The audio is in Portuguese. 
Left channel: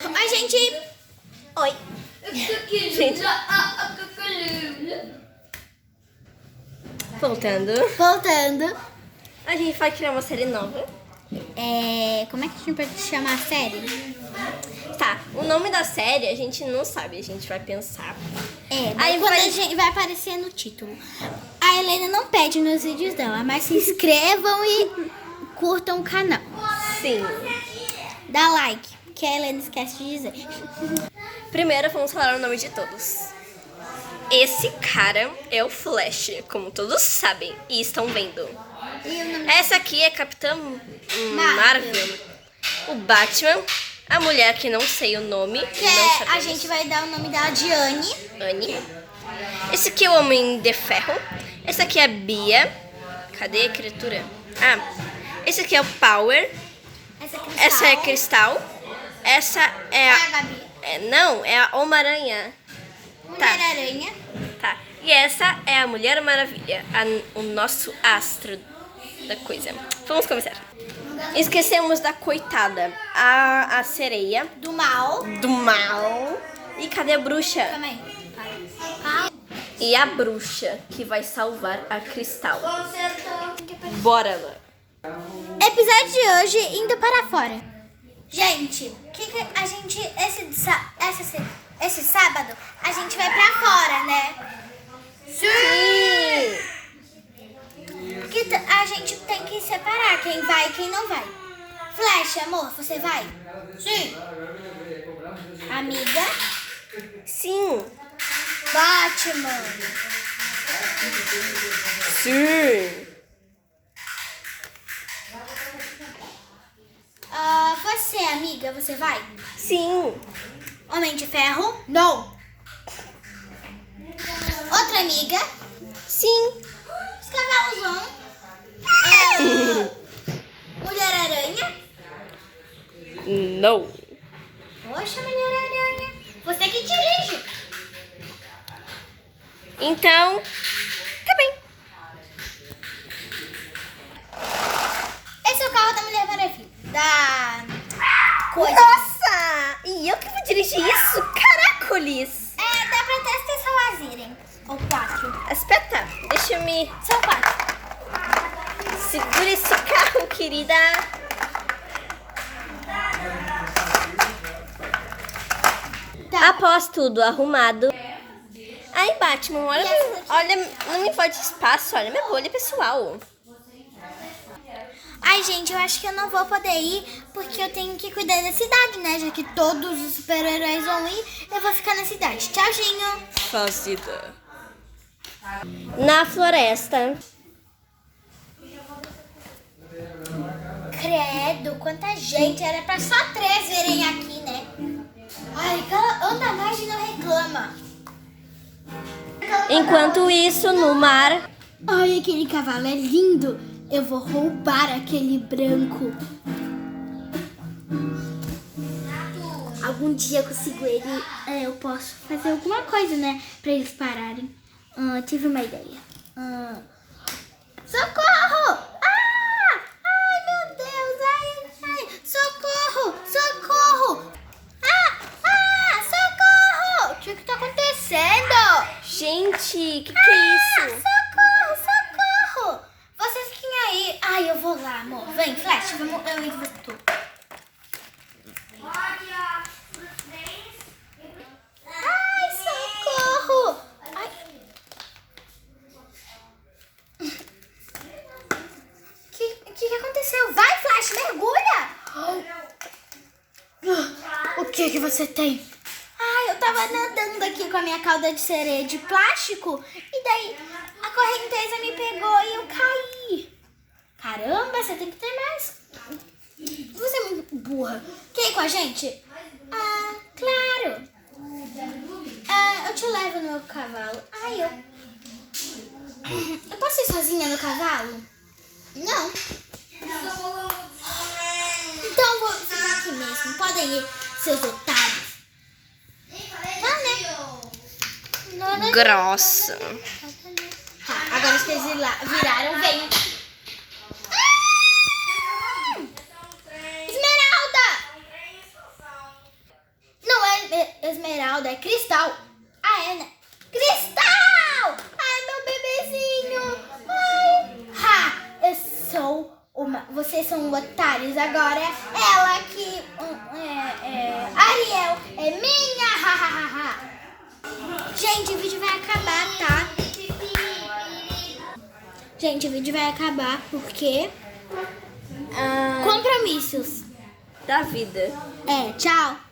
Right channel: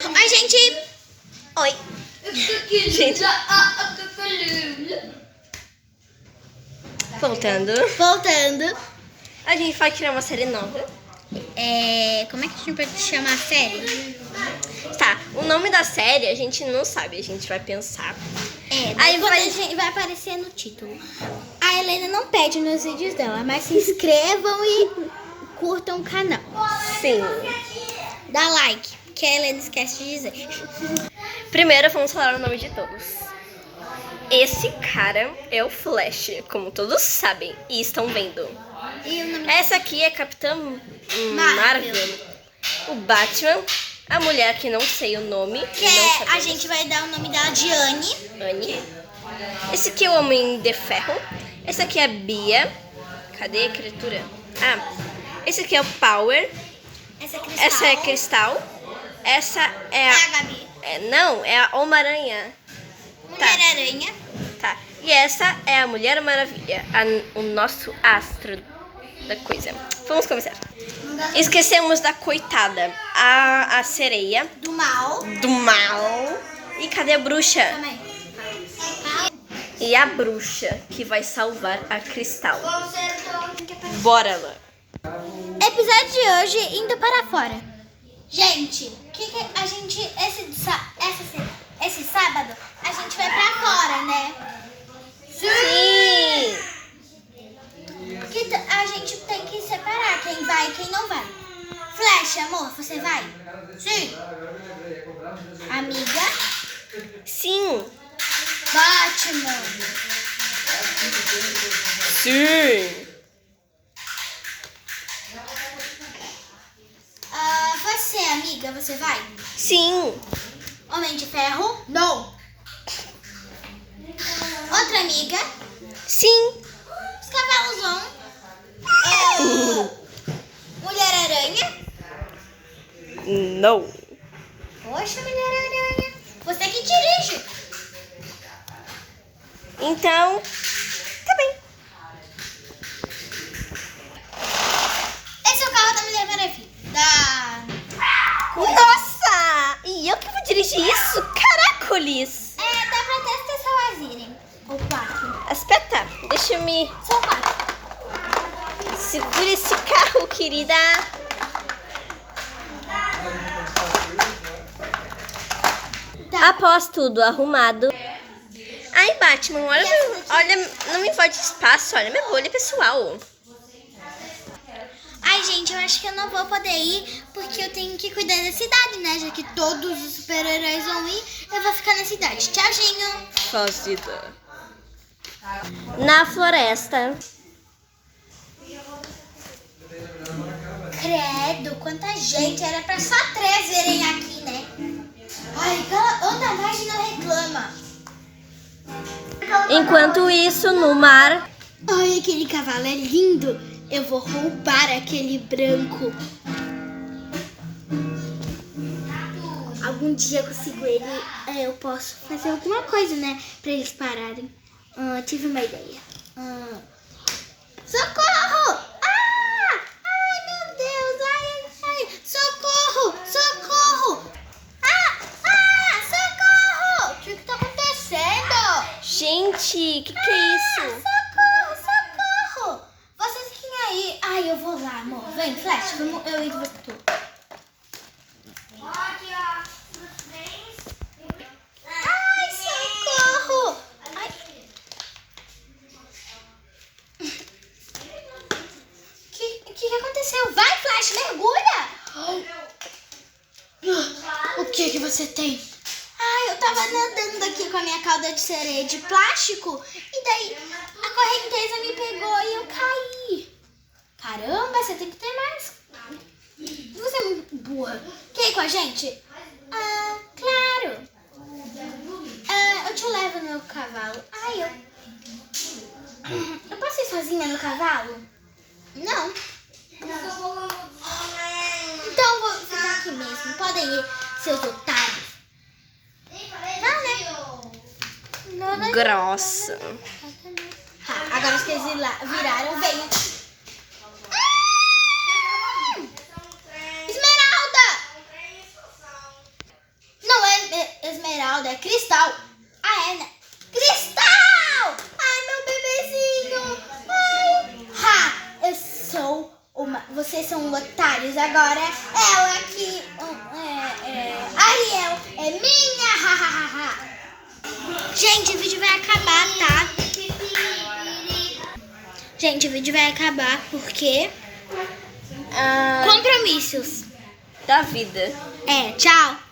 Oi, gente! Oi! Gente. Voltando. A gente vai criar uma série nova. Como é que a gente pode chamar a série? Tá, o nome da série a gente não sabe, a gente vai pensar. Aí vai aparecer no título. A Helena não pede nos vídeos dela, mas se inscrevam e curtam o canal. Sim. Dá like, que a Helena esquece de dizer. Primeiro vamos falar o nome de todos. Esse cara é o Flash, como todos sabem e estão vendo. Essa aqui é Capitã Marvel. O Batman. A mulher que não sei o nome. A gente vai dar o nome dela de Anne. Anne. Esse aqui é o Homem de Ferro. Esse aqui é a Bia. Cadê a criatura? Esse aqui é o Power. Essa é Cristal. Essa é a Gabi. Não, é a Homem-Aranha. Mulher-Aranha. Tá. E essa é a Mulher Maravilha. O nosso astro da coisa. Vamos começar. Esquecemos da coitada. A sereia. Do mal. E cadê a bruxa? Também. E a bruxa que vai salvar a Cristal. Bora lá. Episódio de hoje, indo para fora. Gente, a gente esse sábado a gente vai pra fora, né? Sim! Porque a gente tem que separar quem vai e quem não vai. Flash, amor, você vai? Sim. Amiga? Sim! Batman? Sim! Você, amiga, você vai? Sim! Homem de Ferro? Não. Outra amiga? Sim! Os cavalos vão? Mulher-Aranha? Não! Poxa, Mulher-Aranha. Você que dirige. Então, tá bem. Esse é o carro da Mulher Maravilha. Nossa! E eu que vou dirigir isso? Caracoles! Dá pra até as pessoas irem. Ou 4. Espeta, deixa eu me... São 4. Segura esse carro, querida. Tá. Após tudo arrumado. Ai, Batman, olha, não me invade espaço, olha minha bolha pessoal. Ai, gente, eu acho que eu não vou poder ir porque eu tenho que cuidar da cidade, né? Já que todos os super-heróis vão ir, eu vou ficar na cidade. Tchauzinho. Fazida. Na floresta. Credo, quanta gente. Era pra só 3 virem aqui, né? Ai, anda mais e não reclama. Enquanto isso, no mar. Ai, aquele cavalo é lindo. Eu vou roubar aquele branco. Algum dia eu consigo ele. Eu posso fazer alguma coisa, né? Pra eles pararem. Tive uma ideia. Socorro! Ai, meu Deus! Ai! Socorro! Socorro! Socorro! O que tá acontecendo? Gente, que é isso? Socorro! Vocês fiquem aí. Ai, eu vou lá, amor. Vem, Flash, vamos, eu e você. Ai, socorro! Ai. Que aconteceu? Vai, Flash, mergulha! O que você tem? Ai, eu tava nadando aqui com a minha cauda de sereia de plástico e daí a correnteza me pegou e eu caí. Caramba, você tem que ter mais. Você é muito burra. Quer ir com a gente? Claro. Eu te levo no meu cavalo. Eu posso ir sozinha no cavalo? Não. Então eu vou ficar aqui mesmo. Podem ir, seus otários. Não, né? Grossa. Agora que eles viraram, venham. Esmeralda! Esmeralda é Cristal. Ah, é, né? Cristal! Ai, meu bebezinho. Ai. Ha! Eu sou uma... Vocês são otários. Agora ela que... Ariel é minha. Ha, ha, ha, ha. Gente, o vídeo vai acabar, tá? Gente, o vídeo vai acabar porque... compromissos Da vida. tchau.